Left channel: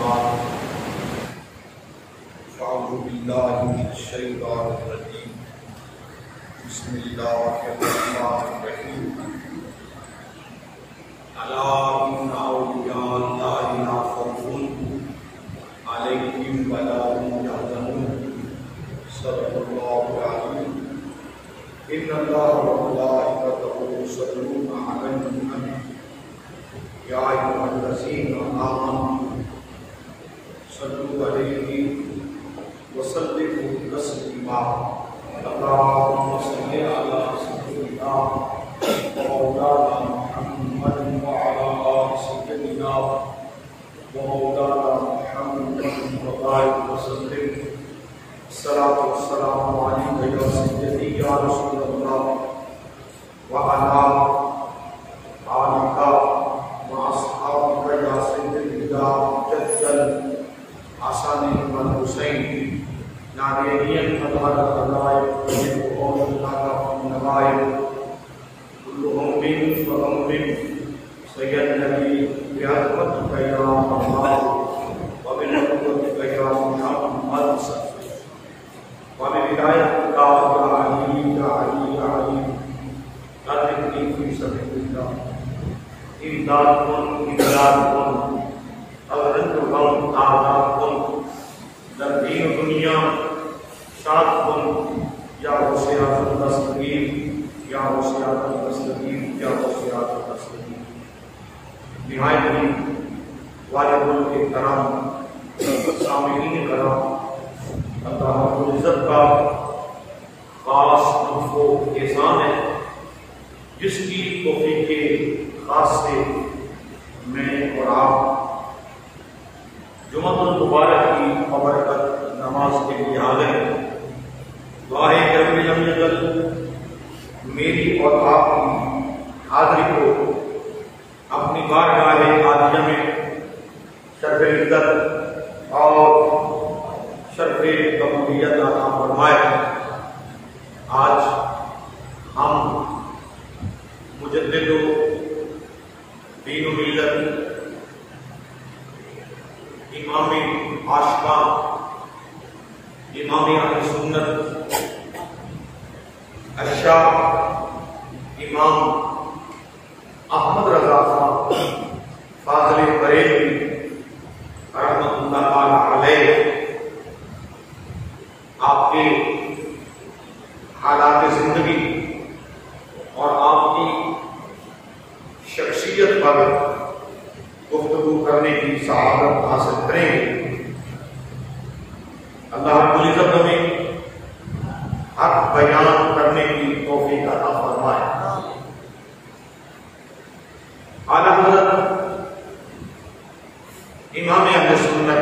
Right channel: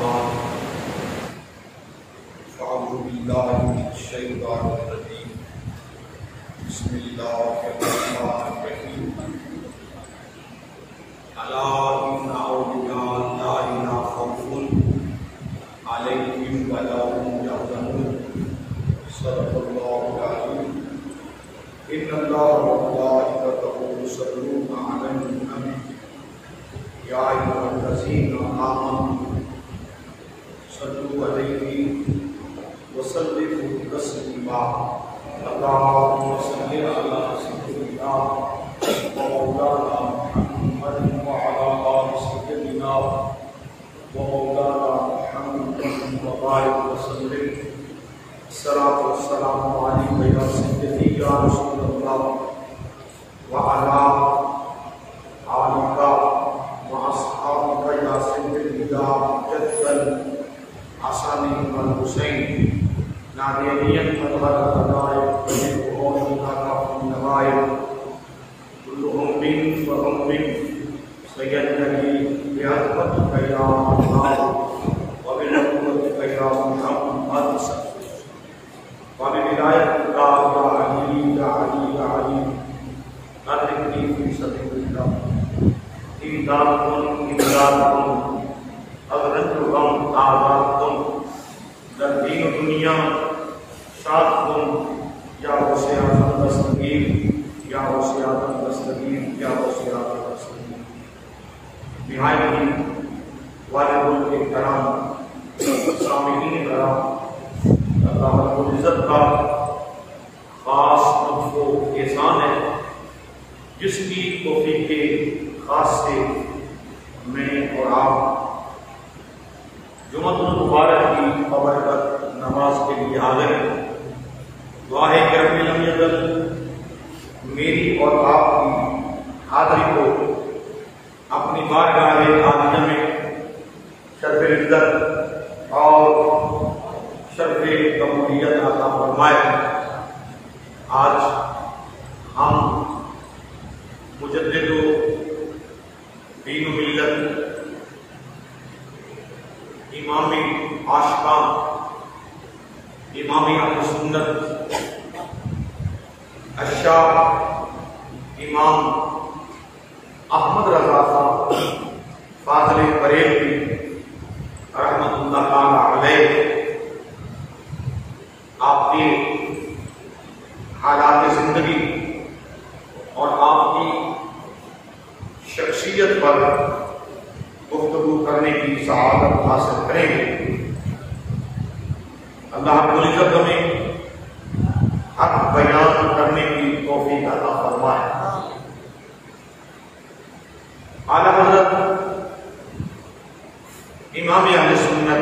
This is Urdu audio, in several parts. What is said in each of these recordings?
بعد فأعوذ بالله من الشيطان الرجيم بسم الله الرحمن الرحيم ألا إن أولياء الله لا خوف عليهم ولا هم يحزنون صدق الله العظيم إن الله وملائكته يصلون على النبي يا أيها الذين آمنوا صلوا عليه وسلموا تسليما اللهم صل على سيدنا ومولانا محمد وعلى آل سيدنا ومولانا محمد وبارك وسلم الصلاة والسلام عليك يا سيدي يا رسول الله وعلى آلك وأصحابك يا سيدي يا جد الحسن والحسين نادريا فتح الخلائق وجدهم لك النوائب كلهم من فهم من سيدني بعظمتك يا الله وبنعمتك يا محمد وبولايتك يا علي يا علي يا علي أدركني في سبيل الله إمدادكم إمدادكم أغرجكم آزادكم دین و دنیا شاد کن یا وسیعت دستگیر یا وسیعت دستگیر یا وسیعت دستگیر نہایت واجب الاحترام سامعین کرام اللہ رب العزت کا خاص ہم کو احسان ہے جس کی توفیق خاص سے میں اور آپ جمعۃ المبارک کی بابرکت نماز کے لیے آ گئے. دعا ہے کہ رب لم یزل میری اور آپ کی حاضری کو اپنی بارگاہ عالیہ میں شرف عزت اور شرف قبولیت عطا فرمائے. آج ہم مجدد دین و ملت امام عاشقاں امام اہل سنت الشاہ امام احمد رضا خان فاضل بریلوی رحمۃ اللہ تعالی علیہ آپ کے حالات زندگی اور آپ کی شخصیت پر گفتگو کرنے کی سعادت حاصل کریں گے. اللہ رب العزت ہمیں حق بیان کرنے کی توفیق عطا فرمائے. اعلیٰ حضرت امام اہل سنت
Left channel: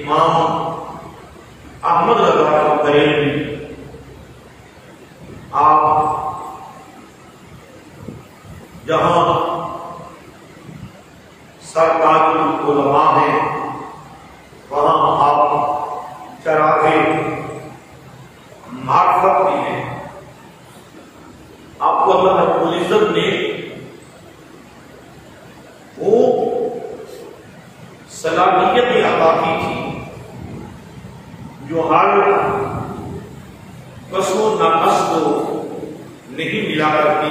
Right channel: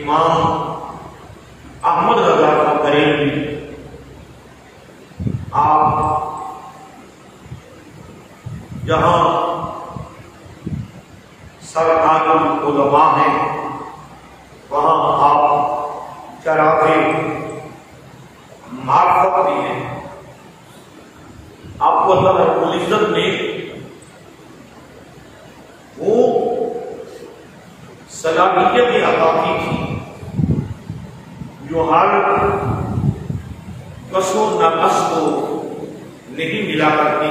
امام احمد رضا خان بریلوی آپ جہاں سرتاج العلماء ہیں وہاں آپ چراغ معرفت بھی ہیں. آپ کو اللہ رب العزت نے وہ صلاحیت عطا کی تھی جو ہر کس و ناقص کو نہیں ملا کرتی.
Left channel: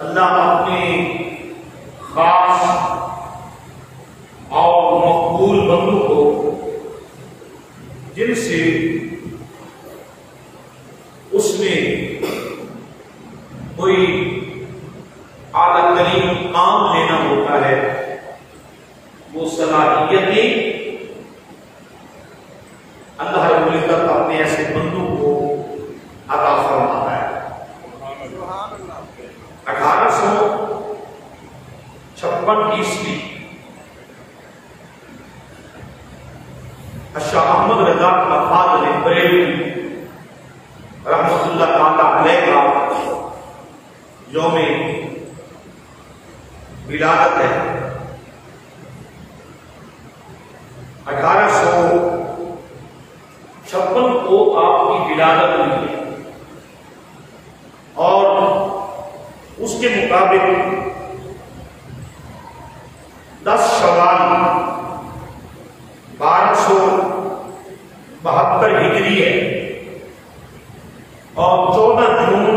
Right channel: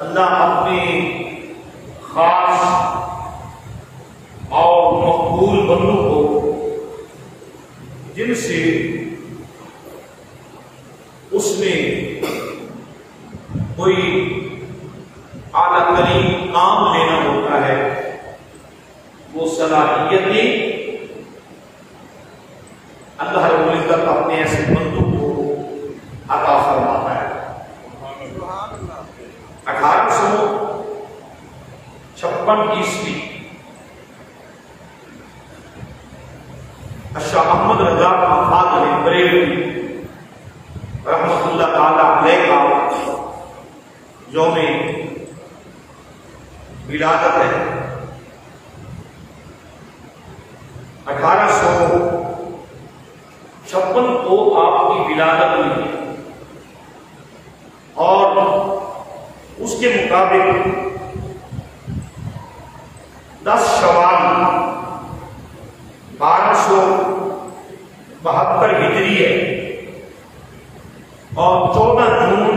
اللہ اپنے خاص اور مقبول بندوں کو جن سے اس نے کوئی اعلیٰ ترین کام لینا ہوتا ہے وہ صلاحیتیں اللہ رب العزت اپنے ایسے بندوں کو عطا فرماتا ہے. 1856 عیسوی شاہ احمد رضا خان بریلوی رحمۃ اللہ تعالی علیہ کا یوم ولادت ہے. 1856 کو آپ کی ولادت ہوئی ہے اور اس کے مطابق 10 شوال 1272 ہجری ہے اور 14 جون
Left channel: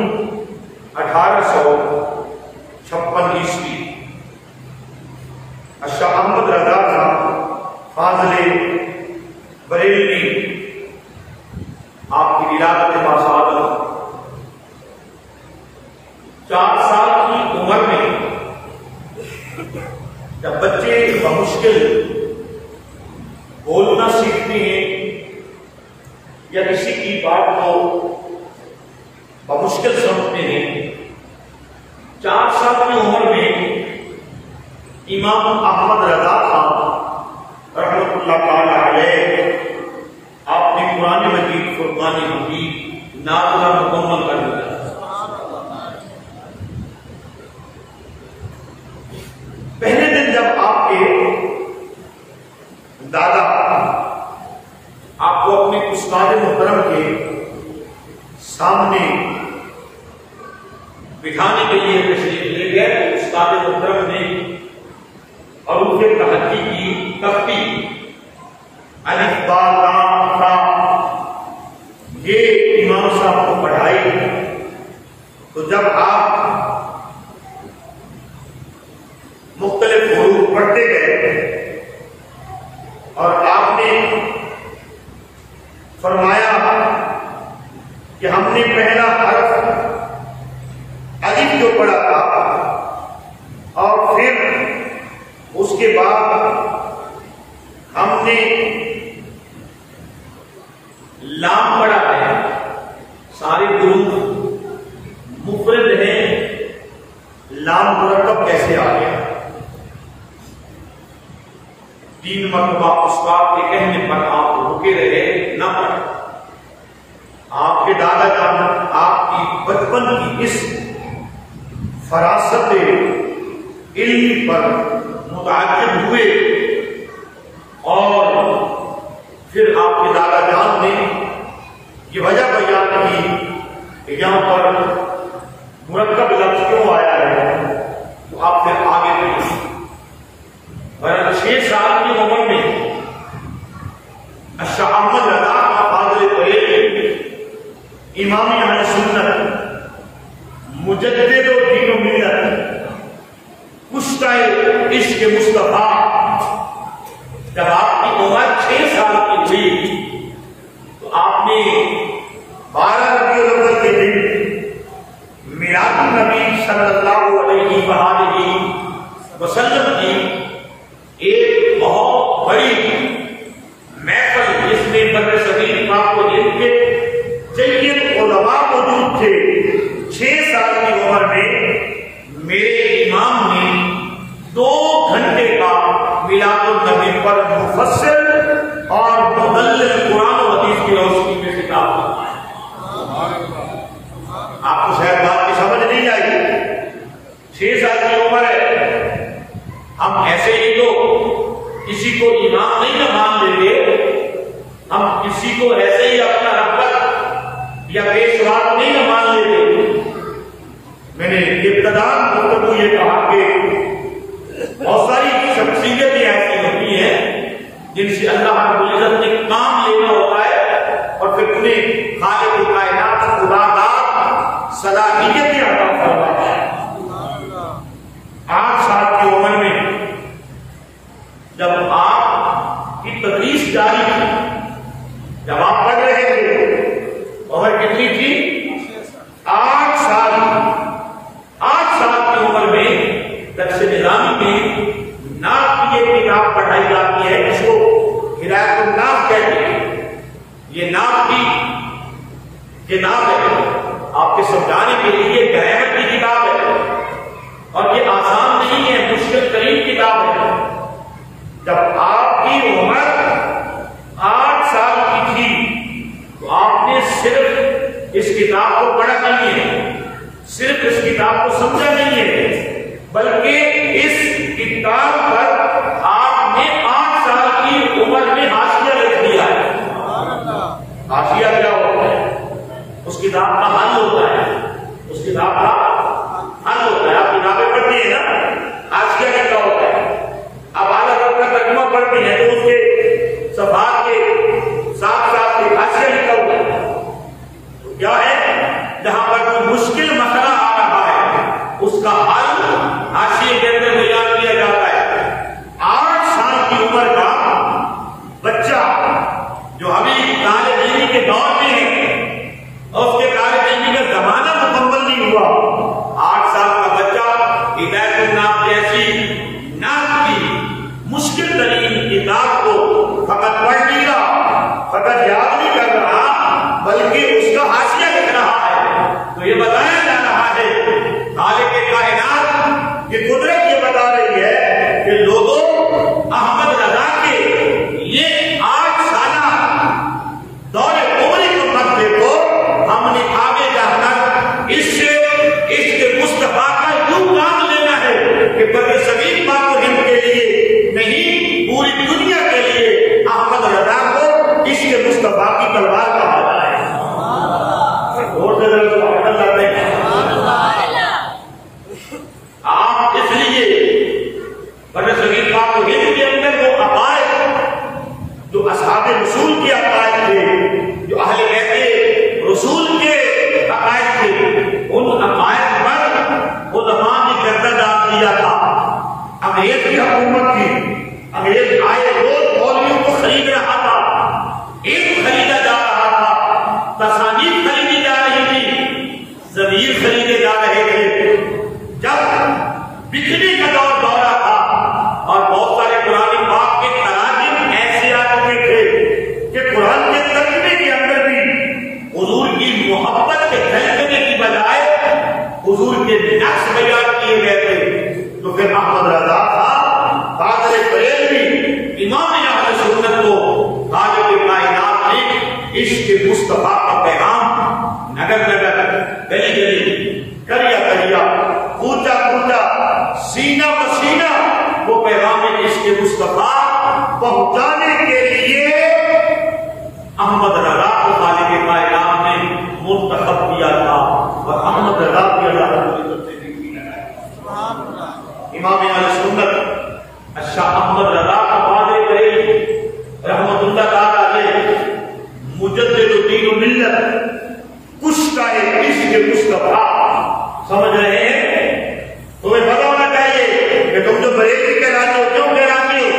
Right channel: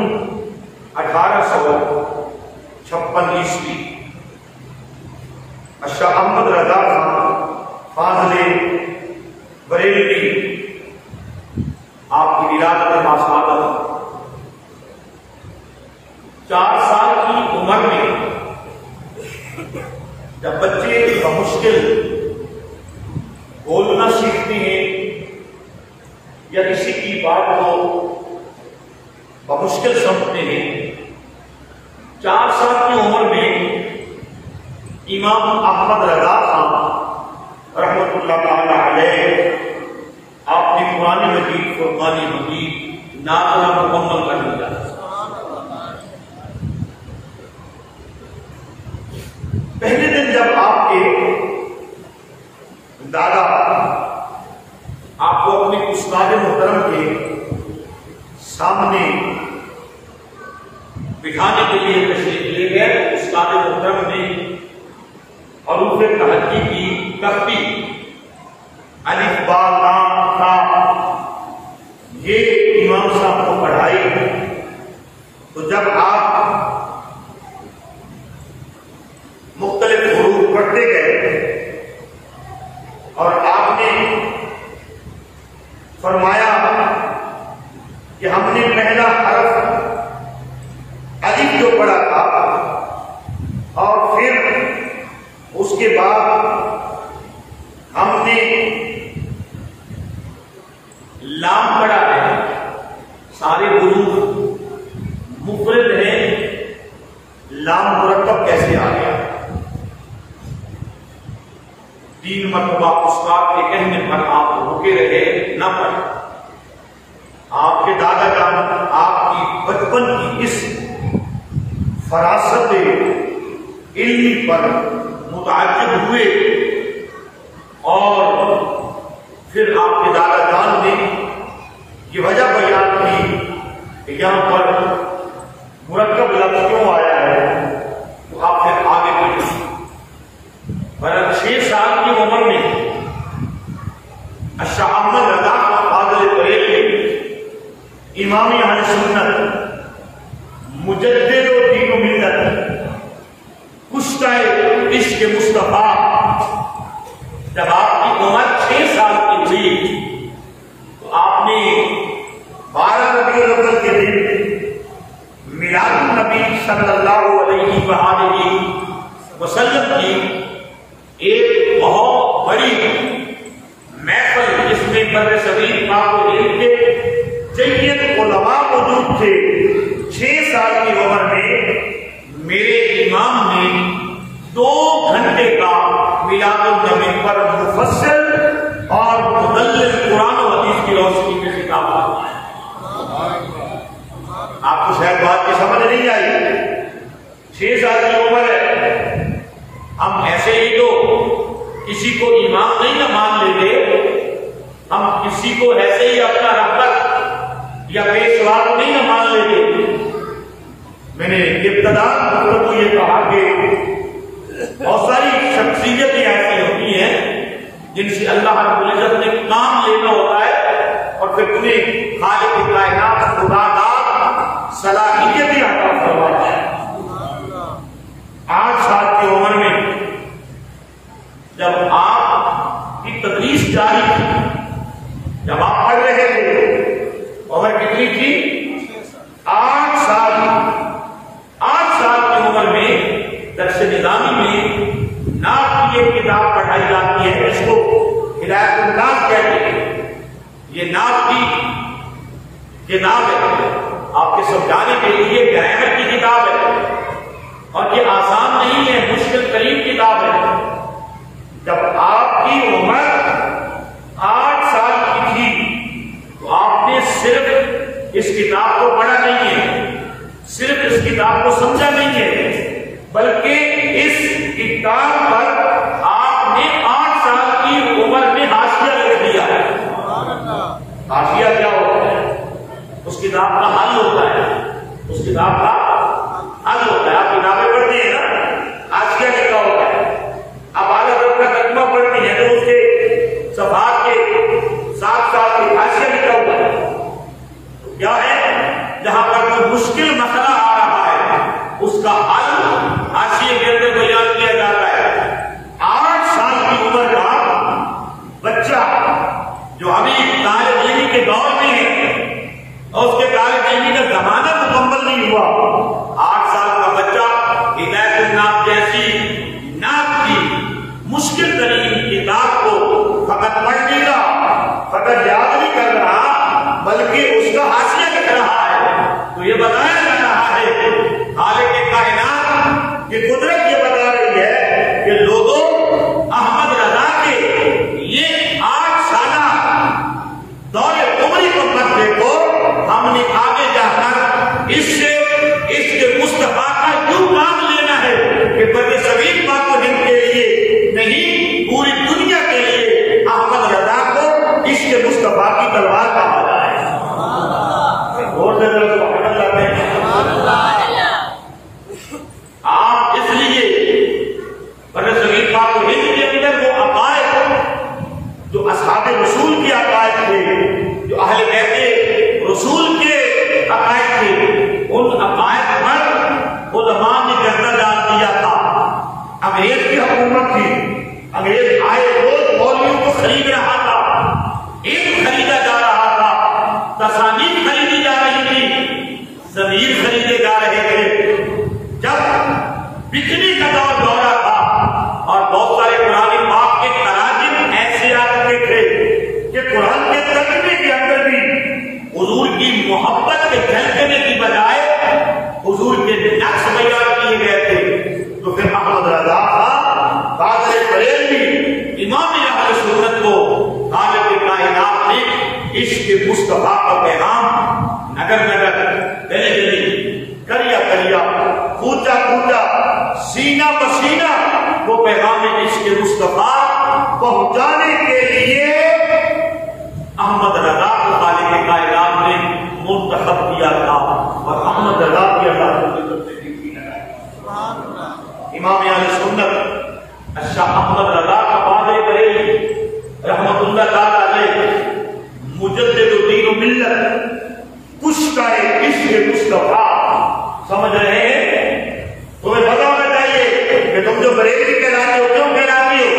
1856 عیسوی شاہ احمد رضا خان فاضل بریلوی آپ کی ولادت باسعادت 4 سال کی عمر میں جب بچے بمشکل بولنا سیکھتے ہیں یا کسی کی بات کو بمشکل سمجھتے ہیں، 4 سال کی عمر میں امام احمد رضا خان رحمۃ اللہ تعالی علیہ آپ نے قرآن مجید فرقان حمید نازلہ مکمل کر دیا۔ پہلے دن جب آپ کے دادا آپ کو اپنے استاد محترم کے سامنے بٹھانے کے لیے تشریف لے گئے، استاد محترم نے حروف تحقی کی تختی الف با لام تا یہ امام صاحب کو پڑھائی، تو جب آپ مختلف حروف پڑھتے گئے اور آپ نے فرمایا کہ ہم نے پہلا حرف الف جو پڑھا تھا اور پھر اس کے بعد ہم نے لام پڑھا ہے، سارے حروف مفرد ہیں، لام مرکب کیسے آ گیا؟ 3 مرتبہ استاد کے کہنے پر آپ رکے رہے، نہ پڑھے۔ آپ کے دادا جان آپ کی بچپن کی اس فراست علمی پر متعجب ہوئے اور پھر آپ کے دادا جان نے یہ وجہ بیان کی کہ یہاں پر مرکب لفظ کیوں آیا ہے، تو آپ پھر آگے بڑھے۔ 6 سال کی عمر میں شاہ احمد رضا فاضل بریلوی امام اہل سنت مجدد و دین و ملت کشتہ عشق مصطفیٰ، جب آپ کی عمر 6 سال کی ہوئی تو آپ نے 12 ربیع الاول کے دن میلاد النبی صلی اللہ علیہ وآلہ وسلم کی ایک بہت بڑی محفل جس میں بر صغیر امام ہند کے جید علماء موجود تھے، 6 سال کی عمر میں میرے امام نے 2 گھنٹے کا میلاد النبی پر مفسر اور مدلل قرآن و حدیث کی روشنی میں خطاب فرمایا۔ آپ کو شاید بات کی سمجھ نہیں آئی، 6 سال کی عمر ہے، ہم ایسے ہی تو کسی کو امام نہیں نہ مان لیتے، ہم کسی کو ایسے ہی اپنا رہبر یا پیشوا نہیں نہ مان لیتے۔ میں نے ابتدا گفتگو یہ کہا کہ بہت ساری شخصیتیں ایسی ہوتی ہیں جن سے اللہ رب العزت نے کام لینا ہوتا ہے اور پھر انہیں خالق کائنات خدا داد صلاحیتیں عطا فرماتا ہے۔ 8 سال کی عمر میں جب آپ کی تدریس جاری تھی، جب آپ پڑھ رہے تھے، عمر کتنی تھی؟ 8 سال کی عمر میں درس نظامی میں نعت کی ایک کتاب پڑھائی جاتی ہے جس کو ہدایت الناف کہتے ہیں۔ یہ نعت کی کتاب ہے، آپ کے سمجھانے کے لیے گرامر کی کتاب ہے اور یہ آسان نہیں ہے، مشکل ترین کتاب ہے۔ جب آپ کی عمر 8 سال کی تھی تو آپ نے صرف اس کتاب کو پڑھا نہیں ہے، صرف اس کتاب کو سمجھا نہیں ہے، بلکہ اس کتاب پر آپ نے 8 سال کی عمر میں حاشیہ لکھ دیا ہے۔ حاشیہ کیا ہوتا ہے؟ اس کتاب کا حل ہوتا ہے، اس کتاب کا حل ہوتا ہے۔ آپ کتابیں پڑھتی ہیں نا، حاشیہ لکھا ہوتا ہے۔ اب بلکہ اس کا حاشیہ لکھ رہا ہے. تو یہ بتایا جا رہا ہے خالق کائنات کی قدرت یہ بتا رہی ہے کہ لوگوں احمد رضا کے یہ 8 سالہ دور عمری کو مت دیکھو. ہم نے آگے جا کر اس کے مصطفیٰ کا یوں کام لینا ہے کہ بر صغیر پاک و ہند کے لیے نہیں پوری دنیا کے لیے احمد رضا کو اس کے مصطفیٰ کی تلوار کہا جائے. آپ اس لیے بر صغیر پاک و ہند کے اندر وہ عقائد جو اصحاب رسول کے عقائد تھے، جو اہل بیت رسول کے عقائد تھے، ان عقائد پر علماء نے گردہ ڈال دیا تھا. انگریز کی حکومت تھی، انگریز آئے روز مولویوں کو خرید رہا تھا، علم خریدا جا رہا تھا، تصانیف خریدی جا رہی تھی، ضمیر خریدے جا رہے تھے. جب بکنے کا دورہ تھا اور بہت سارے قرآن پاک کے تراجم ایسے آ چکے تھے کہ قرآن کے ترجمے کے اندر بھی حضور کی محبت کے جھلکنے کی بجائے حضور کے نقص بیان کیے گئے تھے. تو پھر احمد رضا صاحب قادر بریلوی امام اہل سنت کو خالق کائنات نے عشق مصطفیٰ کا پیغام نگر نگر گلی گلی کریا کریا کوچا کوچا سینہ پسینہ وہ پیغام عشق مصطفیٰ پہنچانے کے لیے احمد رضا کو خالق کائنات نے منتخب کیا تھا. اور احمد رضا کی اللہ امام اہل سنت شاہ احمد رضا کا قادر بریلوی رحمت اللہ تعالی علیہ مجدد الدین و ملت کشتہ عشق مصطفیٰ. سمجھ رہے ہیں؟ تمہیں پتا ہونا چاہیے کہ تم جو بریلوی کہلاتے ہو کیوں کہلاتے ہو؟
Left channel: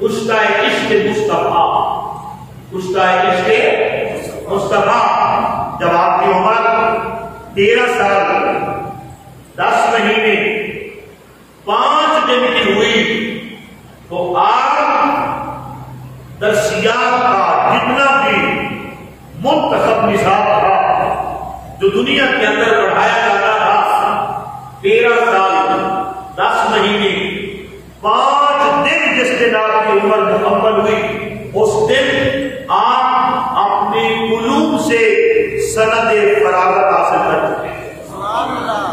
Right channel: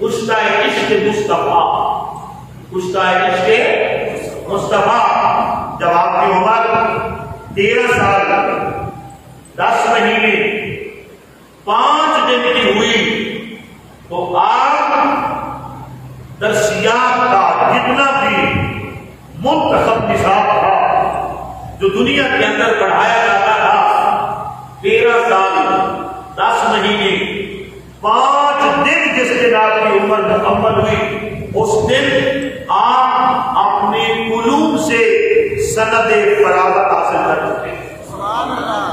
کشتہ عشق مصطفیٰ، کشتہ عشق مصطفیٰ. جب آپ کی عمر 13 سال 10 مہینے 5 دن کی ہوئی تو آپ درسیات کا جتنا بھی منتخب نصاب تھا جو دنیا کے اندر پڑھایا جاتا تھا 13 سال 10 مہینے 5 دن جس دن آپ کی عمر مکمل ہوئی اس دن آپ اپنے علوم سے سند فراغت حاصل کر چکے ہیں. سبحان اللہ.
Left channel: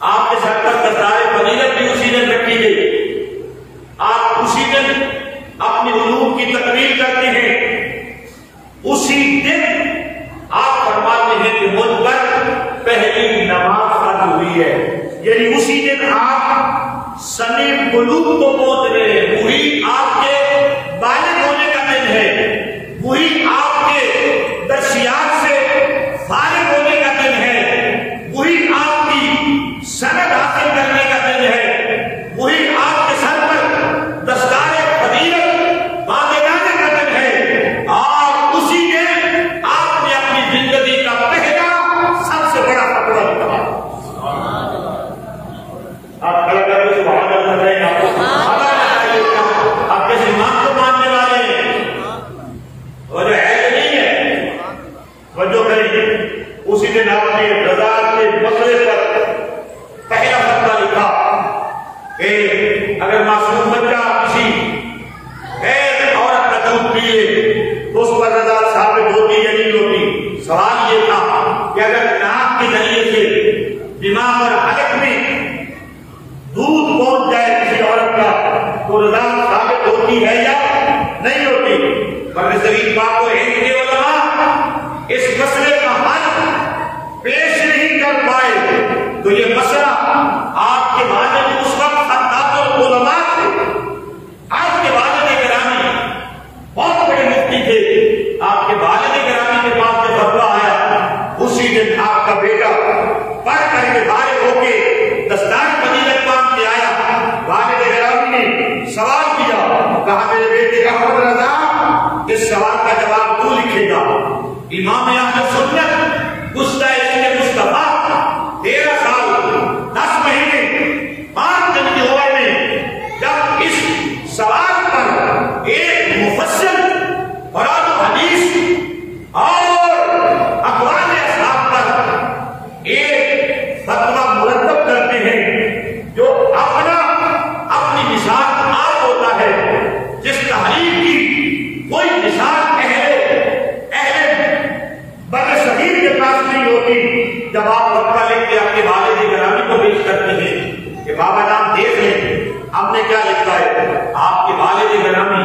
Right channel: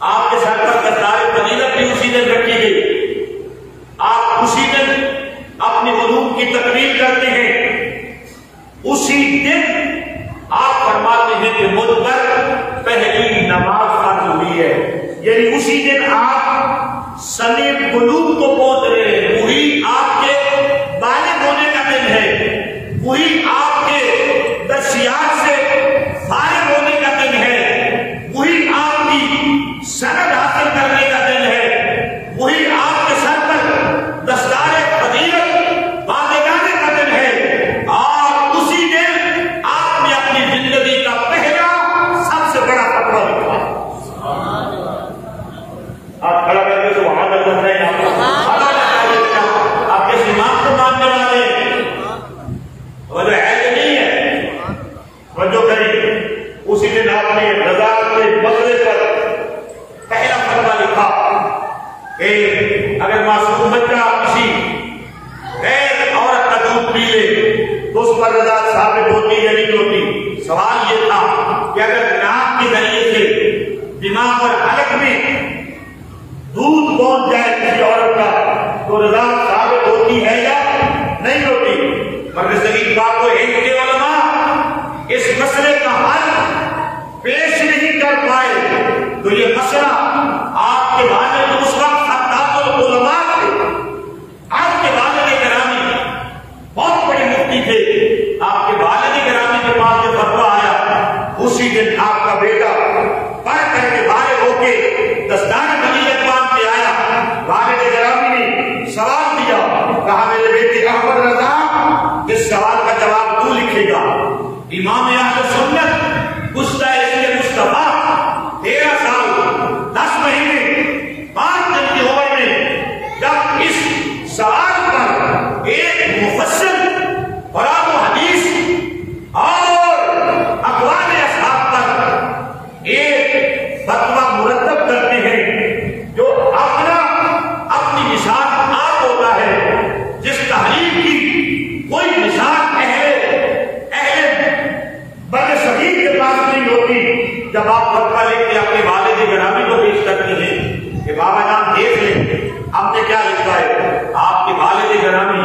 آپ کے سر پر دستار فضیلت بھی اسی دن رکھی گئی. آپ اسی دن اپنے علوم کی تقریر کرتے ہیں. اسی دن آپ فرماتے ہیں کہ مجھ پر پہلی نماز فرض ہوئی ہے. یعنی اسی دن آپ سن بلوغ کو پہنچ رہے ہیں. وہی آپ کے بالغ ہونے کا دن ہے. وہی آپ کے درسیات سے فارغ ہونے کا دن ہے. وہی آپ کی سند حاصل کرنے کا دن ہے. وہی آپ کے سر پر دستار فضیلت باندھے جانے کا دن ہے. اور اسی دن آپ نے اپنی زندگی کا پہلا سب سے بڑا فتویٰ لکھا. آپ کھڑا کر کے سبحان اللہ کہیں. آپ کے امام کو ماننے والے وہ جو ہے نہیں ہے توجہ کریے. اسی دن آپ نے رضا کے مسئلے پر پہلا فتویٰ لکھا کہ اگر معصوم بچہ کسی غیر عورت کا دودھ پی لے تو اس پر رضا ثابت ہوتی یا نہیں ہوتی. سوال یہ تھا کہ اگر ناک کے ذریعے سے دماغ اور حلق میں دودھ پہنچ جائے کسی عورت کا تو رضا ثابت ہوتی ہے یا نہیں ہوتی. بر صغیر پاک و ہند کے علماء اس مسئلے کا حل پیش نہیں کر پائے. تو یہ مسئلہ آپ کے والد اس وقت خطاط العلماء تھے. آپ کے والد گرامی بہت بڑے مفتی تھے. آپ کے والد گرامی کے پاس جو فتویٰ آیا اسی دن آپ کا بیٹا پڑھ کر کے فارغ ہو کے دستار فضیلت باندھ کے آیا. والد گرامی نے سوال کیا, کہا میرے بیٹے احمد رضا اس سوال کا جواب تو لکھے گا. امام اہل سنت گستاخ مصطفیٰ 13 سال 10 مہینے 5 دن کی عمر میں جب اس سوال پر ایک مفصل جب آپ خطبہ لکھ کے اپنے والد گرامی کو پیش کرتے ہیں کہ بابا جان دیکھ لیں آپ نے کیا لکھا ہے، آپ کے والد گرامی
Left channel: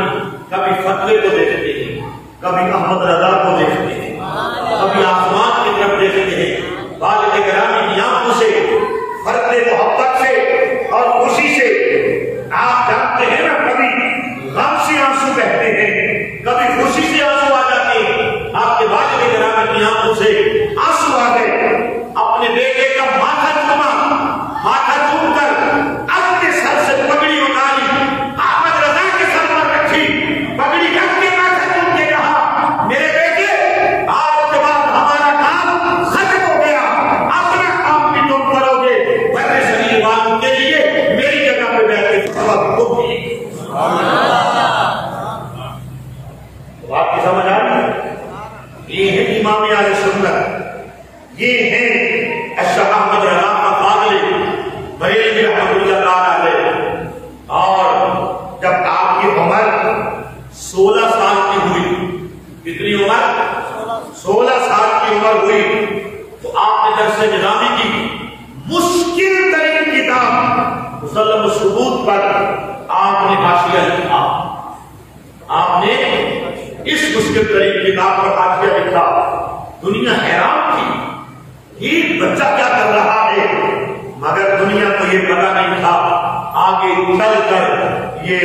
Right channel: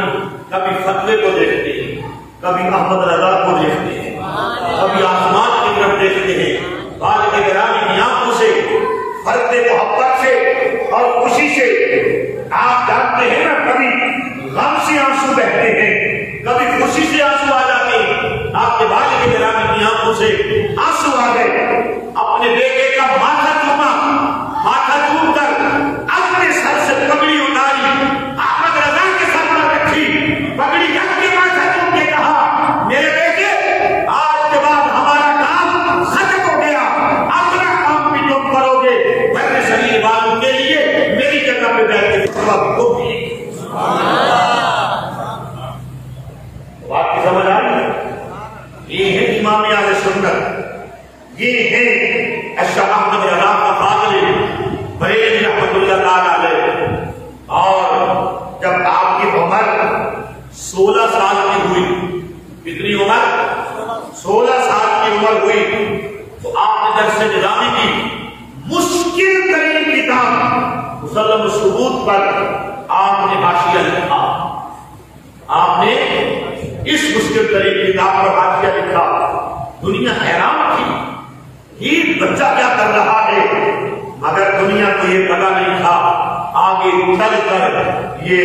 کبھی فتوے کو دیکھتے ہیں، کبھی محمد رضا کو دیکھتے ہیں، کبھی آسمان کی طرف دیکھتے ہیں، والد گرامی کی آنکھوں سے فرد محبت سے اور خوشی سے آپ جانتے ہیں نا، کبھی غم سے آنسو بہتے ہیں، کبھی خوشی سے آنسو آ جاتے ہیں، آپ کے والد گرامی کی آنکھوں سے آنسو آ گئے، اپنے بیٹے کا ماتھا چوما، ماتھا چوم کر اپنے سر سے پگڑی اتاری، احمد رضا کے سر پر رکھی، پگڑی رکھ کے ماتھا چوم کے کہا میرے بیٹے آج کے بعد ہمارا کام ختم ہو گیا، اپنا کام بھی تم کرو گے، ورنہ شریر والوں کے لیے میری جگہ پہ بیٹھ کے کو بھی آپ کی سمجھ آ رہی ہے؟ یہ ہے امام اہل سنت، یہ ہے اشرف احمد رضا کا فاضل بریلوی رحمۃ اللہ تعالی علیہ۔ اور جب آپ کی عمر 16 سال کی ہوئی، کتنی عمر؟ 16 سال کی عمر ہوئی تو آپ نے درس نظامی کی مشکل ترین کتاب مسلم الثبوت پر آپ نے حاشیہ لکھا، آپ نے اس مشکل ترین کتاب پر حاشیہ لکھا، دنیا حیران تھی یہ بچہ کیا کر رہا ہے، مگر دنیا کو یہ پتا نہیں تھا آگے چل کر یہ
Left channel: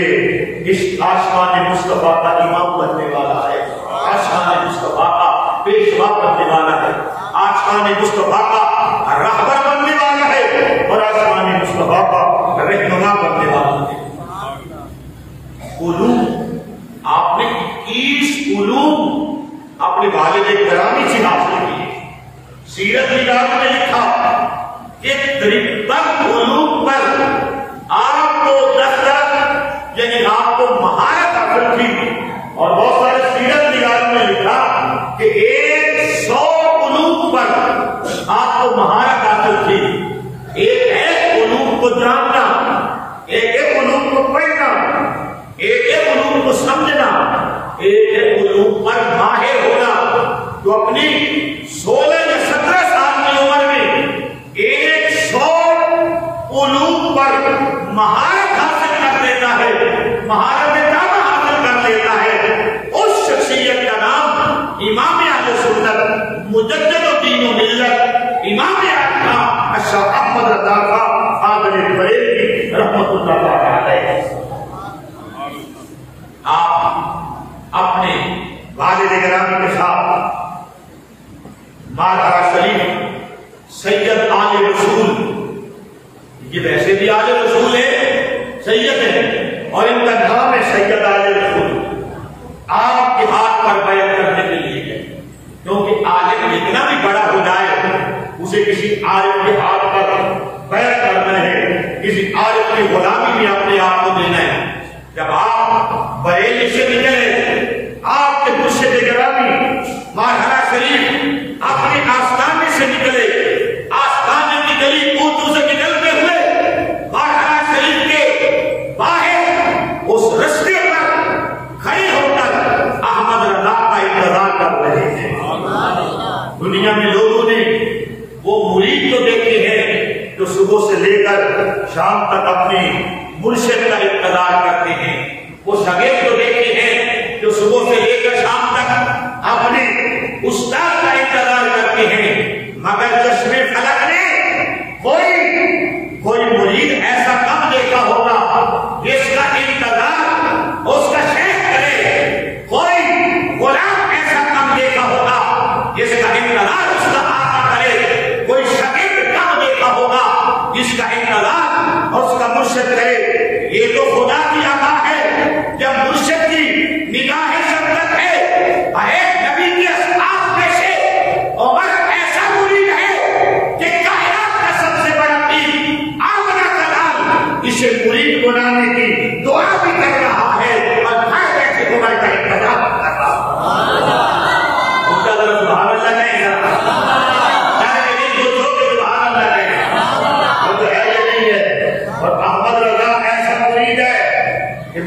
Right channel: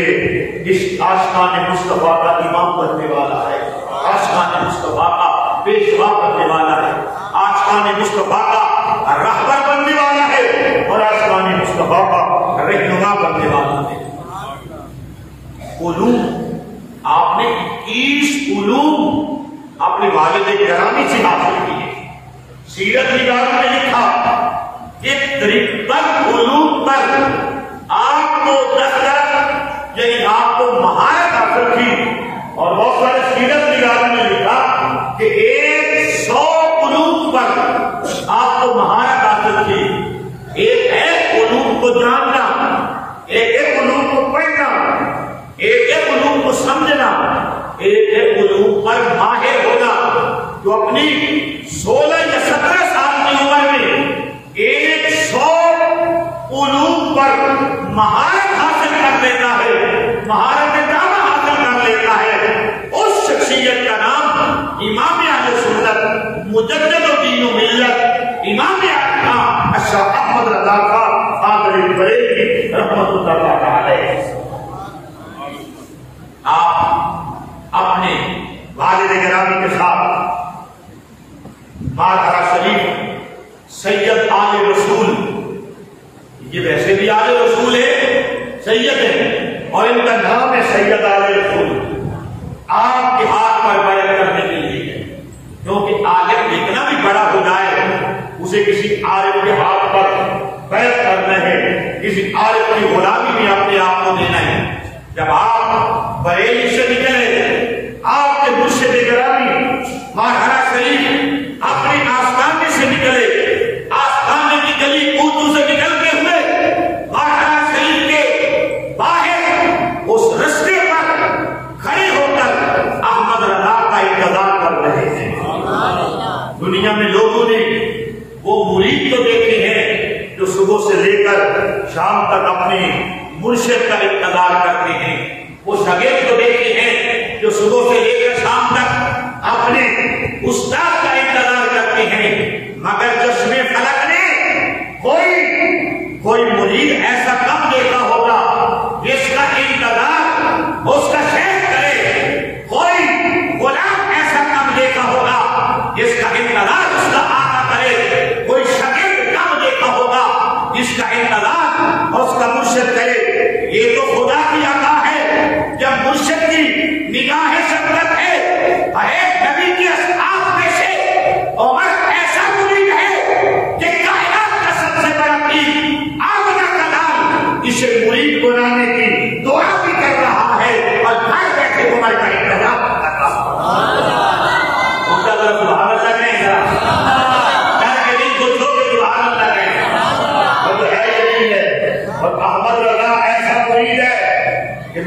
اس آشقان مصطفیٰ کا امام بننے والا ہے، آشقان مصطفیٰ کا پیشوا بننے والا ہے، آشقان مصطفیٰ کا رہبر بننے والا ہے، اور آشقان مصطفیٰ کا رہنما بننے والا ہے۔ علوم آپ نے 21 علوم اپنے والد گرامی سے حاصل کیے۔ سیرت نگاروں نے لکھا کہ 53 علوم پر آپ کو دسترس یعنی آپ کو مہارت حاصل کی، اور بہت سارے سیرت نگاروں نے لکھا کہ 100 علوم پر آپ کو مہارت حاصل کی۔ ایک ہے علوم کو جاننا، ایک ہے علوم کو پڑھنا، ایک ہے علوم کو سمجھنا، ایک ہے علوم پر ماہر ہونا۔ جو اپنی 16 یا 17 سال کی عمر میں 100 علوم پر مہارت حاصل کر لیتا ہے، مہارت تامہ حاصل کر لیتا ہے، اس شخصیت کا نام امام اہل سنت مجدد الدین و ملت امام اعظم اشرف احمد رضا کا فاضل بریلوی رحمۃ اللہ علیہ۔ آپ اپنے والد گرامی کے ساتھ مارہرہ شریف سید آل رسول، یہ ویسے بھی آل رسول ہے، سید ہے، اور ان کا نام ہے سید آل رسول، آپ کے ہاتھ پر بیعت کرنے کے لیے ہے، کیونکہ عالم اتنا بھی بڑا ہو جائے اسے کسی عالم کے ہاتھ پر بیعت کرنا ہے، کسی عالم کی غلامی بھی اپنے آپ کو دینا ہے۔ جب آپ بریلی سے نکلے، آپ کے مرشد گرامی مارہرہ شریف اپنے آستانے سے نکلے، آستانے کی گلی کوچوں سے نکلتے ہوئے مارہرہ شریف کے باہر اس رستے پر کھڑے ہو کر احمد رضا کا انتظار کر رہے ہیں۔ دنیا میں لوگوں نے وہ مرید تو دیکھے ہیں جو صبح سے لے کر شام تک اپنے مرشد کا انتظار کرتے ہیں، وہ شاگرد کو دیکھتے ہیں جو صبح سے لے کر شام تک اپنے استاد کا انتظار کرتے ہیں، مگر چشم فلک نے کوئی مرید ایسا کم دیکھا ہوگا جس کا انتظار اس کا شیخ کرے، کوئی غلام ایسا کم دیکھا ہوگا جس کا انتظار اس کا آقا کرے، کوئی شاگرد کم دیکھا ہوگا جس کا انتظار اس کا مرشد کرے۔ یہ تو خدا کی عطا ہے، جب مرشد کی نگاہ شفقت ہے، ایک نبی کے اصحاب میں سے عمر ایسا مرید ہے کہ کائنات کا سب سے بڑا پیر آمنہ کا لال اسے مرید بنانے کی دعا بھی کر رہا ہے، اور ہر ایسے عمر کا انتظار کر رہا ہے۔ سبحان اللہ کہیں گا، کہ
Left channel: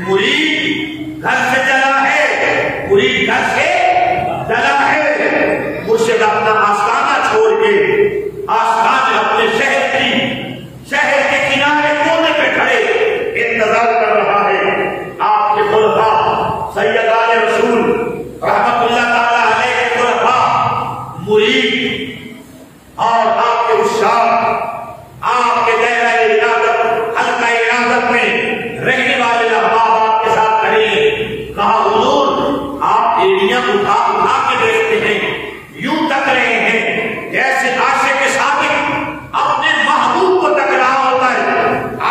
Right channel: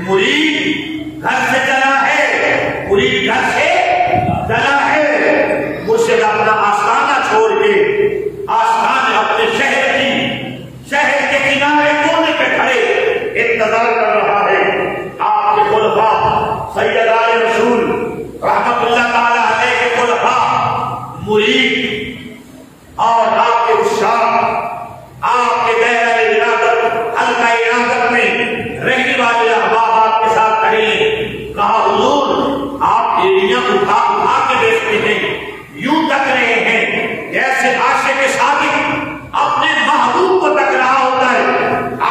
مرید اور آپ کے عشاق، آپ کے دائرہ ارادت، حلقہ ارادت میں رہنے والے احباب آپ کے ساتھ کھڑے ہیں۔ کہا حضور آپ ایڑیاں اٹھا اٹھا کے دیکھتے ہیں، یوں تک رہے ہیں جیسے عاشق صادق اپنے محبوب کو تک رہا ہوتا ہے۔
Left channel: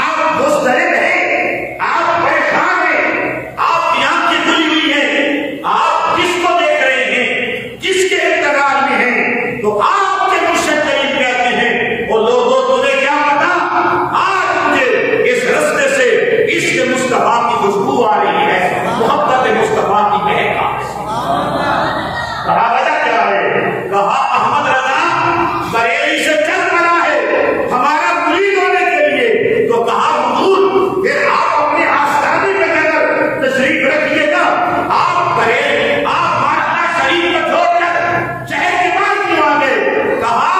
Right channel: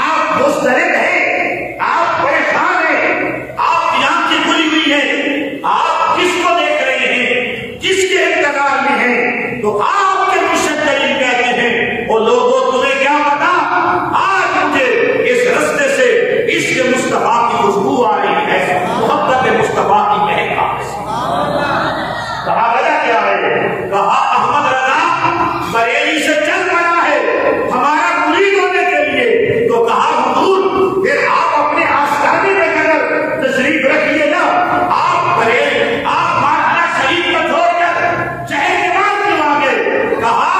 آپ مضطرب ہیں، آپ پریشان ہیں، آپ کی آنکھیں کھلی ہوئی ہیں، آپ کس کو دیکھ رہے ہیں، کس کے انتظار میں ہیں؟ تو آپ کے مرشد کریم کہتے ہیں وہ لوگوں تمہیں کیا پتا، آج مجھے اس رستے سے عشق مصطفیٰ کی خوشبو آ رہی ہے، محبت مصطفیٰ کی مہک آ رہی ہے۔ کہا وجہ کیا ہے؟ کہا احمد رضا بریلی سے چل پڑا ہے ہمارا مرید ہونے کے لیے۔ تو کہا حضور پھر آپ اپنے آستانے میں اگر تشریف رکھیے نا، آپ بریلی آپ مارحلہ شریف کو چھوڑ کر شہر کے بعد کیوں آ گئے؟ کہا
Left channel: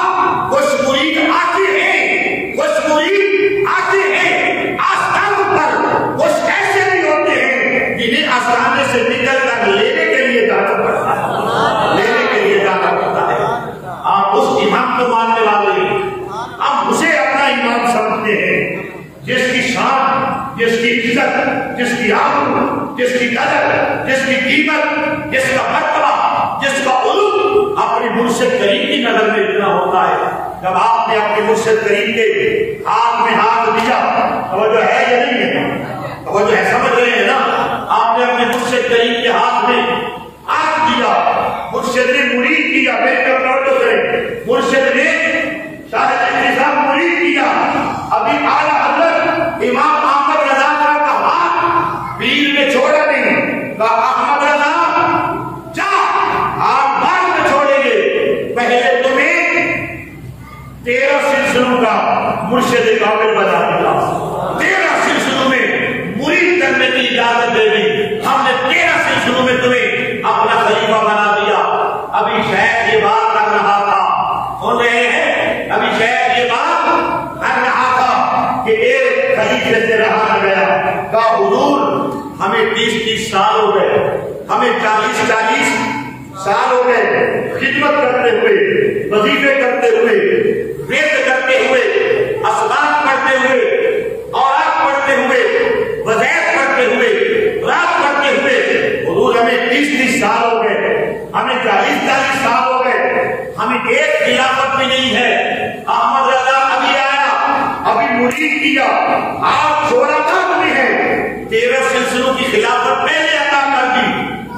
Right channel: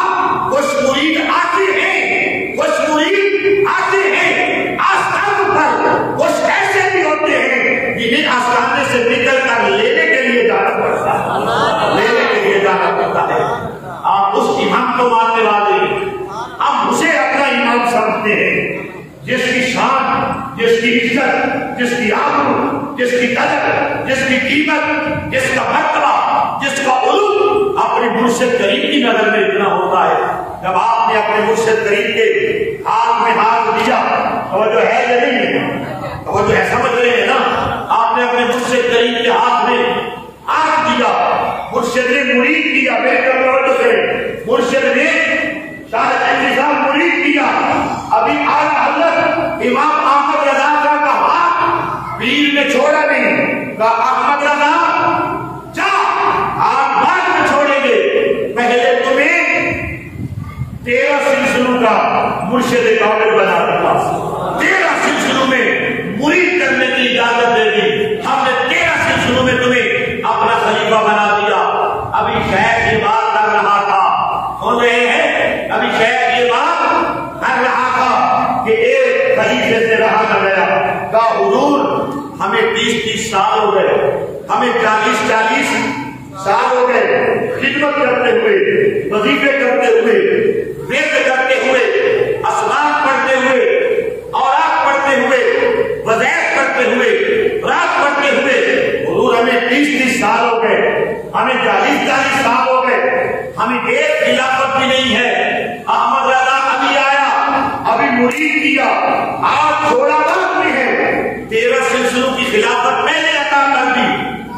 کچھ مرید آتے ہیں، کچھ مرید آتے ہیں آستان پر، کچھ ایسے بھی ہوتے ہیں جنہیں آستانے سے نکل کر لینے کے لیے جانا پڑتا ہے، لینے کے لیے جانا پڑتا ہے۔ آپ اس امام کو ماننے والے ہیں، ہم اسے اپنا امام سمجھتے ہیں جس کی شان، جس کی عزت، جس کی آبرو، جس کی قدر، جس کی قیمت، جس کا مرتبہ، جس کا علو اپنے مرشد کریم کی نظر میں اتنا ہوتا ہے۔ جب آپ نے اپنے مرشد کریم کے ہاتھ میں ہاتھ دیا، وہ جو ہے یا نہیں ہے، وہ جو ہے سمجھ رہے ہیں نا، آپ نے اپنے مرشد کریم کے ہاتھ میں ہاتھ دیا، مرشد نے مرید کیا، تو کرے مرشد نے شاید انتظام مرید کیا۔ ابھی اعلیٰ حضرت امام احمد رضا کا ہاتھ پیر نے چھوڑا نہیں، کہا احمد رضا جا، آپ بعد میں چھوڑیں گے، پہلے تمہیں 13 سلسلوں کا مرشد کامل بنا دیا، 13 سلسلوں میں مرید کرنے کی اجازت دے دی، ہم نے 13 سلسلوں میں تمہیں اپنا خلیفہ بنا دیا۔ ابھی شیخ یہ بات کر رہا تھا، سن رہے ہیں، ابھی شیخ یہ بات کر رہا تھا کہ ایک خلیفے سے رہا نہ گیا۔ کہا حضور ہمیں 30 سال ہو گئے، ہمیں 40 سال ہو گئے خدمت کرتے ہوئے، وظیفے کرتے ہوئے، ورد کرتے ہوئے، اسباب پڑھتے ہوئے، اورات پڑھتے ہوئے، وظائف پڑھتے ہوئے، رات پڑھتے ہوئے، حضور ہمیں 30 سال ہو گئے، ہمیں 40 سال ہو گئے، ہمیں ایک خلافت بھی نہیں ہے۔ احمد رضا ابھی آیا، ابھی مرید کیا، آپ چھوڑا بعد میں ہے، 13 سلسلوں کی خلافت پہلے عطا کر دی۔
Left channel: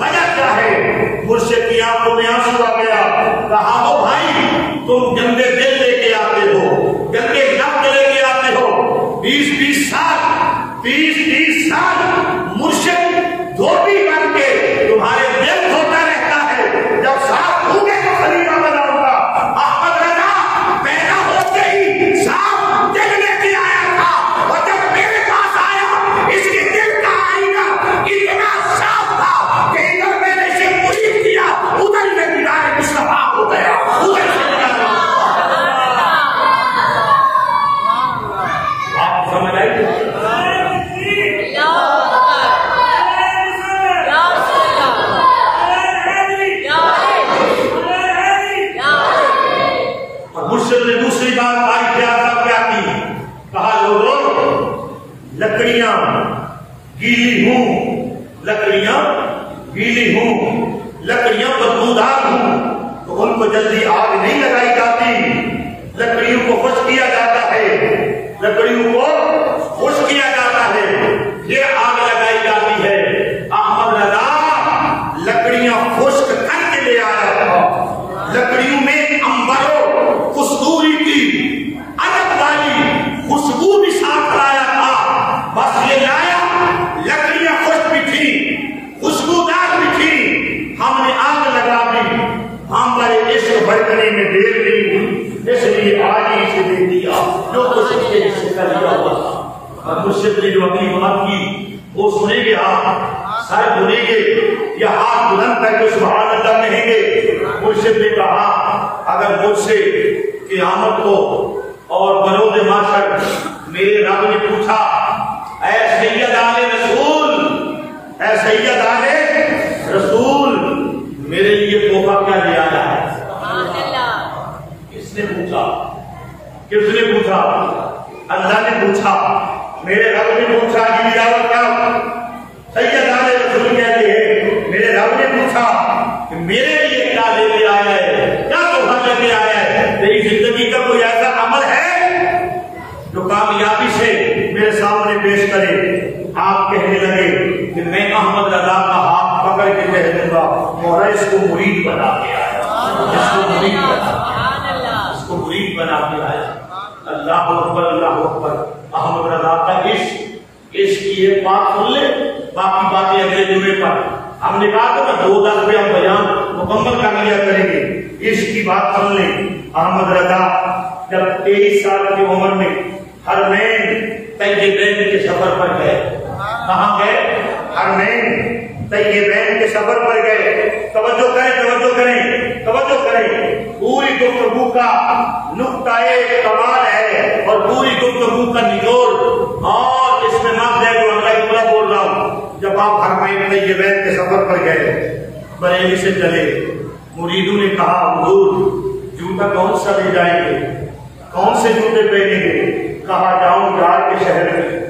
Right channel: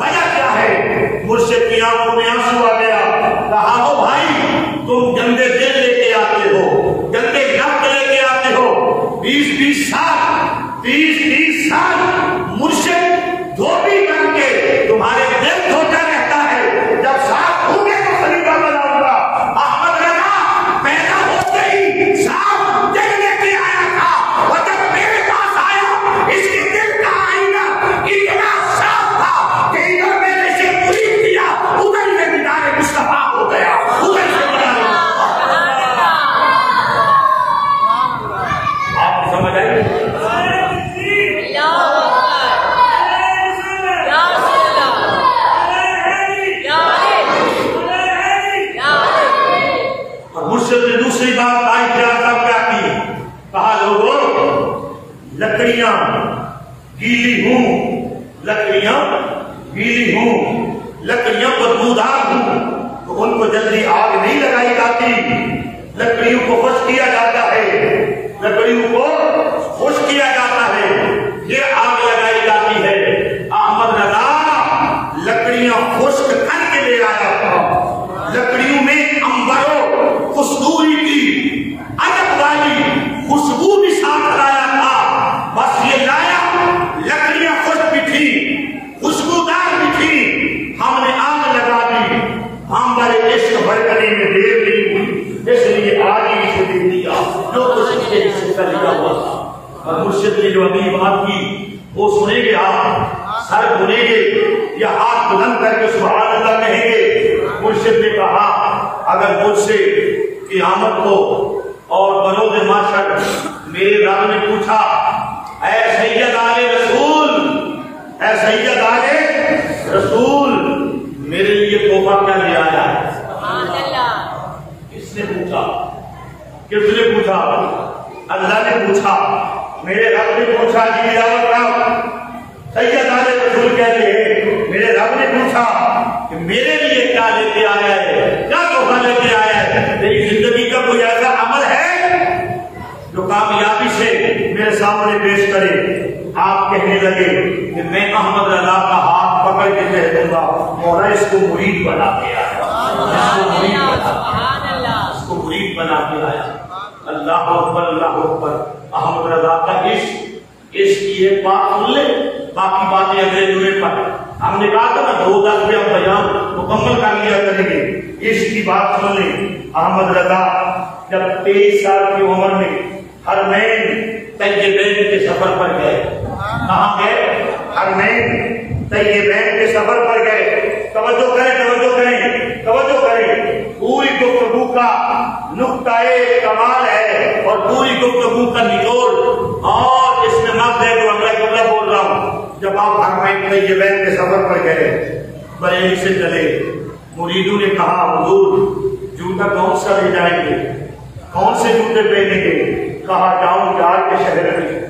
وجہ کیا ہے؟ مرشد کی آنکھوں میں آنسو آ گیا۔ کہا وہ بھائی تم گندے دل لے کے آتے ہو، گندے نفس لے کے آتے ہو، 20 سال 30 سال مرشد دھوبی بن کے تمہارے دل دھوتا رہتا ہے، جب صاف ہوں گے تو خلیفہ بناؤں گا۔ احمد رضا پیدا ہوتے ہی صاف دل لے کے آیا تھا، اور جب میرے پاس آیا اس کے دل کا آئینہ اتنا صاف تھا کہ ادھر میں نے اسے مرید کیا، ادھر میں دیدار مصطفیٰ ہو گیا، ادھر سے دیدار آپ کو سمجھ آئی؟ مرشد نے دوسری بات آئی کیا کی؟ کہا لوگوں لکڑیاں گیلی ہوں، لکڑیاں گیلی ہوں، لکڑیاں بدبودار ہوں، تو ان کو جلدی آگ نہیں لگائی جاتی، لکڑیوں کو خشک کیا جاتا ہے، لکڑیوں کو خشک کیا جاتا ہے، پھر آگ لگائی جاتی ہے۔ احمد رضا لکڑیاں خشک کر کے لے آیا تھا، لکڑیوں میں امبرو کستوری کی ادب والی خوشبو بھی ساتھ لایا تھا، بس یہ لایا، لکڑیاں خشک بھی تھی، خوشبودار بھی تھی، ہم نے آگ لگا دی، ہمارے عشق بھڑکنے میں دیر نہیں، اس لیے آج ہی اسے دے دیا جو کچھ اس کے حصے کا لیا ہوا۔ مرشد نے جو اگلی بات کی وہ سنیں گے، آپ سر دھنیں گے یا ہاتھ بلند کر کے سبحان اللہ کہیں گے۔ مرشد نے کہا اگر مجھ سے قیامت کو اور بروز محشر میرے رب نے پوچھا اے سید آل رسول، اے سید آل رسول میرے لیے تحفہ کیا لے آیا ہے؟ کس نے پوچھا؟ کس نے پوچھا؟ اللہ نے پوچھا، میرے رب نے پوچھا جی سید آل رسول کہتے ہیں میرے رب نے پوچھا کہ میرے لیے کیا لے کے آیا ہے، کیا تحفہ لے کے آیا ہے؟ میری زندگی کا کوئی ایسا عمل ہے جو کامیابی سے میرے سامنے پیش کرے؟ آپ کہنے لگے کہ میں احمد رضا کا ہاتھ پکڑ کے کہہ دوں گا مولا اس کو مرید بنا کے آیا، اس کو مرید بنا کے آیا۔ اللہ اکبر، اللہ اکبر۔ احمد رضا کا عشق کی ایک بات سن لے، باقی باتیں اگلے جمعے پر۔ ہم نے کہا تھا 2000 روپیہ بیان مکمل کر لیا کریں گے، عشق کی بات سن لیں۔ احمد رضا جب 23 سال کی عمر میں حرمین طیبین کے سفر پر گئے، کہاں گئے؟ حرمین طیبین کے سفر پر گئے۔ توجہ کریں، توجہ کریں، توجہ کریں، پوری گفتگو کا نقطہ کمال ہے اور پوری گفتگو کا نچوڑ، اور اس میں نفس ہے جو اگلا جملہ بول رہا ہوں۔ جب آپ حرمین طیبین کے سفر پر گئے، بریلی سے چلے، مریدوں نے کہا حضور جوتا کون سا لے جائیں گے، کون سے جوتے پہنیں گے؟ کہا جاؤں یار کے شہر میں۔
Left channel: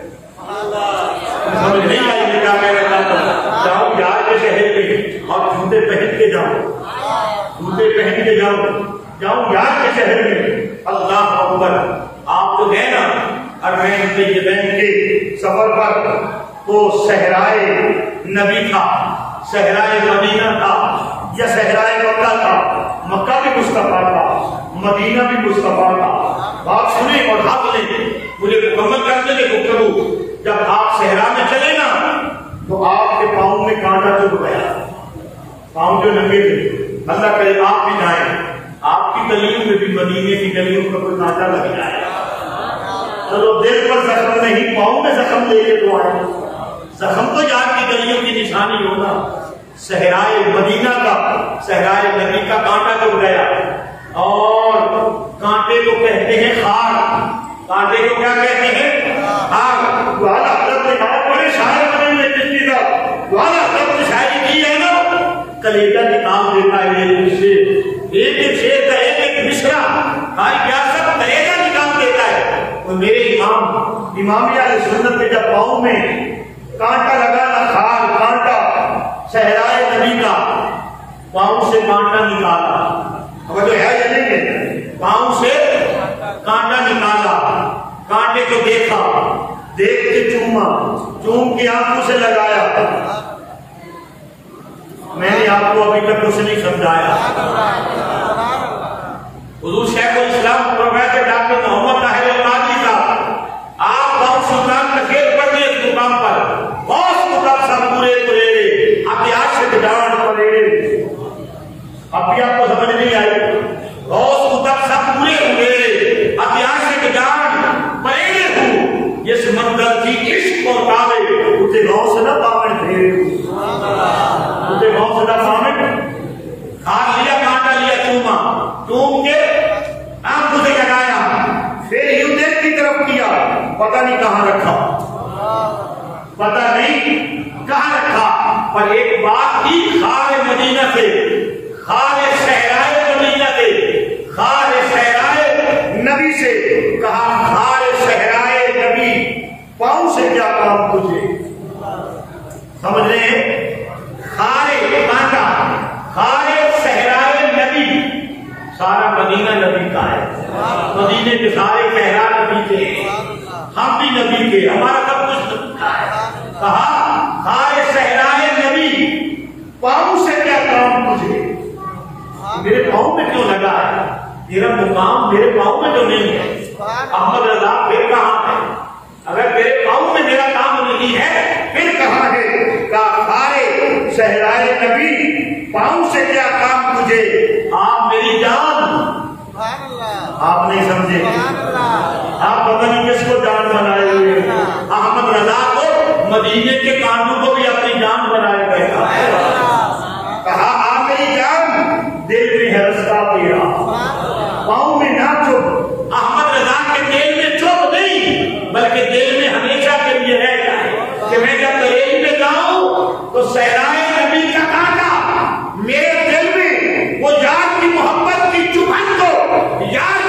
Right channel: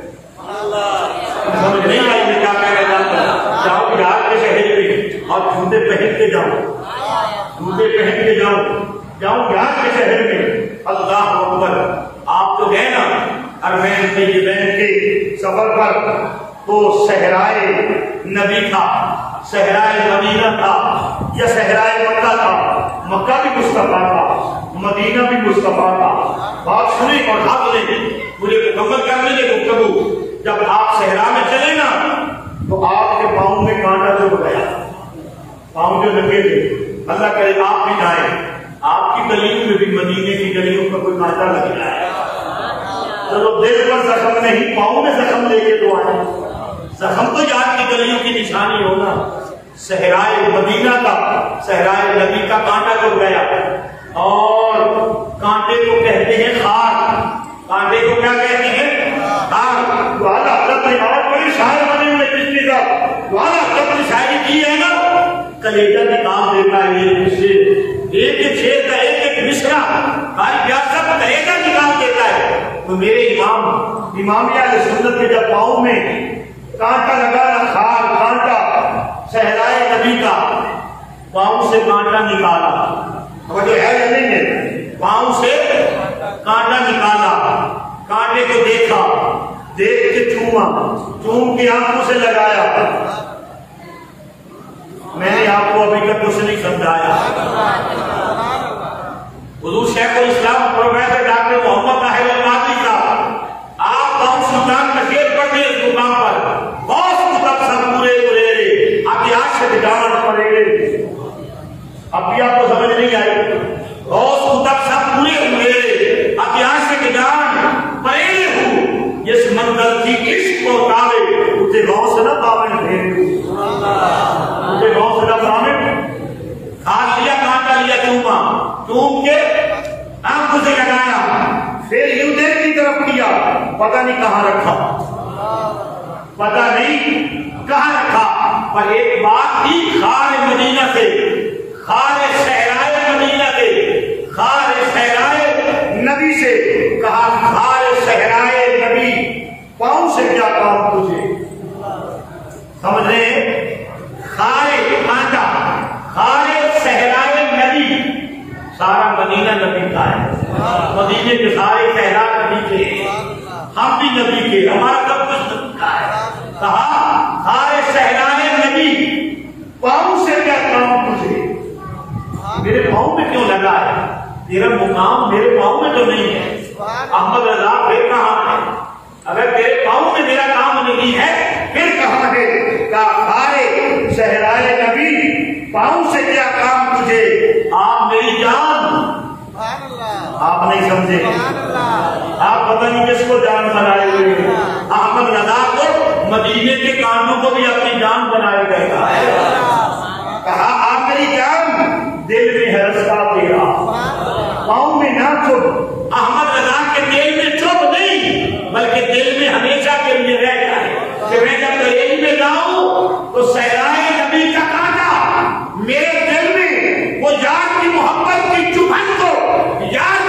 سمجھ نہیں آئی میں کیا کہہ رہا تھا؟ جاؤں یار کے شہر میں اور جوتے پہن کے جاؤ، جوتے پہن کے جاؤ، جاؤں یار کے شہر میں۔ اللہ اکبر۔ آپ تو گئے نا حرمین طیبین کے سفر پر، تو صحرائے نبی تھا، صحرائے مدینہ تھا یا صحرائے مکہ تھا؟ مکہ بھی مصطفیٰ تھا، مدینہ بھی مصطفیٰ تھا۔ بات سنیں اور حق لیں، مجھے مکمل کرنے لے گفتگو۔ جب آپ صحرا میں چلے نا تو آپ کے پاؤں میں کانٹا چبھ گیا، پاؤں جو لگے تھے۔ اللہ کرے آپ بھی جائیں، آپ کی گلیوں میں بھی، مدینے کی گلیوں میں کوئی کانٹا لگ جائے، چلو دل پر زخم نہیں، پاؤں میں زخم لے کے تو آئے۔ زخم تو یاد کی گلیوں کی نشانی ہونا۔ صحرائے مدینہ کا، صحرائے نبی کا کانٹا چبھ گیا، اور کانٹے کو کہتے ہیں خار۔ کانٹے کو کیا کہتے ہیں؟ خار۔ والا حضرت نے کہا بڑے شاعر نے کشتی کا والا حضرت نے شاعری کی ہے نا، کلیجہ نکال دیتا ہے یہ شیر، ایک ایک شیر کا ایک ایک مصرع ہماری پیار سب کلیجہ نکال دیتا ہے۔ تو میرے امام اہل سنت کے جب پاؤں میں کانٹا لگا نا، خار کانٹا، صحرائے نبی کا، پاؤں سے کانٹا نکالا، وہ جو ہے یا نہیں ہے، پاؤں سے کانٹا نکالا، کانٹے کو دیکھا، دیکھ کے چوما، چوم کے آنکھوں سے لگایا۔ میں نے آپ کو ابھی تک کچھ نہیں سمجھایا۔ حضور شیخ الاسلام پروفیسر ڈاکٹر محمد طاہر النادری صاحب، آپ بہت سلطان کا شعر پڑھتے ہیں اس مقام پر، بہت کتب سب پورے پورے آپ عاشق جان پڑے۔ اب بھی آپ کو سمجھ نہیں آئی؟ بہت کتب سب پورے ہوئے اب عاشق جان پڑے ہوں، جس منزل کی عشق کو تالے اسے غوث نہ پاون پھیرے ہوں، اسے غوث نہ پاون۔ ہاتھ لیا، کانٹا لیا، چوما، چوم کے آنکھوں سے لگایا، پھر یوں دل کی طرف کیا، پتہ نہیں کہاں رکھا، پتہ نہیں کہاں رکھا، پر ایک بات تھی، خار مدینہ سے، خار صحرائے مدینہ سے، خار صحرائے نبی سے کہا، خار صحرائے نبی پاؤں سے کیا کام تجھے؟ سمجھ رہے ہیں؟ خار کانٹا، خار صحرائے نبی، سارا مدینہ نبی کا ہے، مدینے کے سارے صحرا نبی کے، ہم بھی نبی کے، ہمارا سب کچھ نبی کا ہے۔ کہا خار صحرائے نبی پاؤں سے کیا کام تجھے؟ میرے پاؤں میں کیوں لگا ہے؟ تیرا مقام میرے پاؤں میں تو نہیں ہے۔ احمد رضا پھر کہاں ہے؟ اگر تیرے پاؤں میں میرا کام نہیں ہے پھر کہاں ہے؟ کہا خارے صحرائے نبی پاؤں سے کیا کام تجھے؟ آپ میری جان، آپ نہیں سمجھے، آپ پتہ نہیں کس کو جان بنائے ہوئے۔ احمد رضا کو مدینے کے کانوں کو بھی اپنی جان بنایا گیا۔ کہا آپ میری جان، دل میں ہے رستہ تیرا، پاؤں میں نہ چب۔ احمد رضا کے دل میں چب نہیں، بلکہ دل میں ہمیشہ کے لیے ہے کہ میں جب بریلی میں جاؤں تو صحرائے نبی کا کانٹا میرے دل میں وہ یار کی محبت کی چبھن کو، یار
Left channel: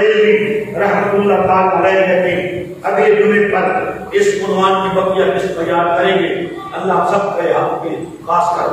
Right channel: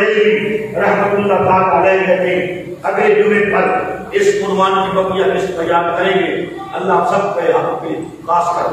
بریلوی رحمت اللہ پاک علیہ کہتے ہیں اگلے جمعے پر اس عنوان کی بقیہ قسط بیان کریں گے. اللہ سب پہ آپ پہ خاص کر